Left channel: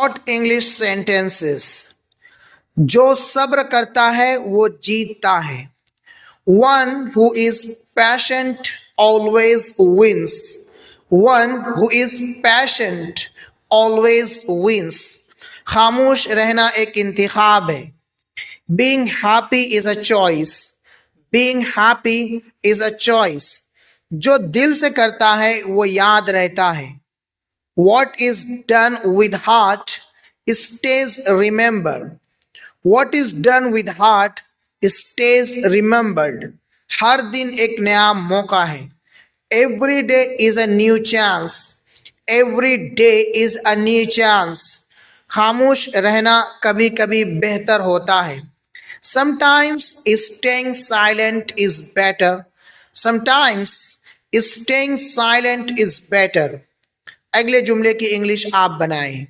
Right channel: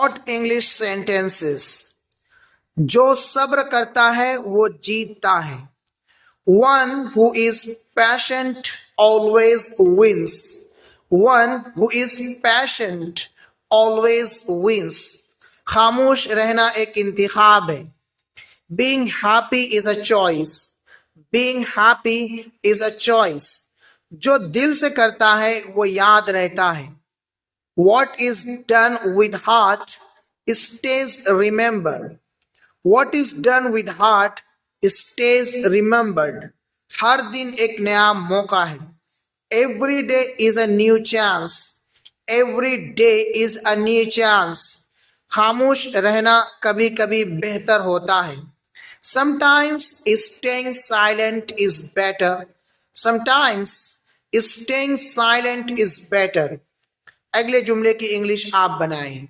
Short English sentences. जो सब्र करता है वो जीतता है। One who is patient always wins. One who is patient always wins. खामोश रहना एक इंतखाब है। Being happy is a choice. Being happy is a choice. जो दिल से करता है वो याद रहता है। What is done with heart stays remembered. What is done with heart stays remembered. हर दिन एक नया मौका है। Every day is a new chance. Every day is a new chance. खामोश रहना कभी कभी बेहतर होता है। Sometimes staying silent is better. Sometimes staying silent is better. अगले जुमले की इंग्लिश आप बनाएं।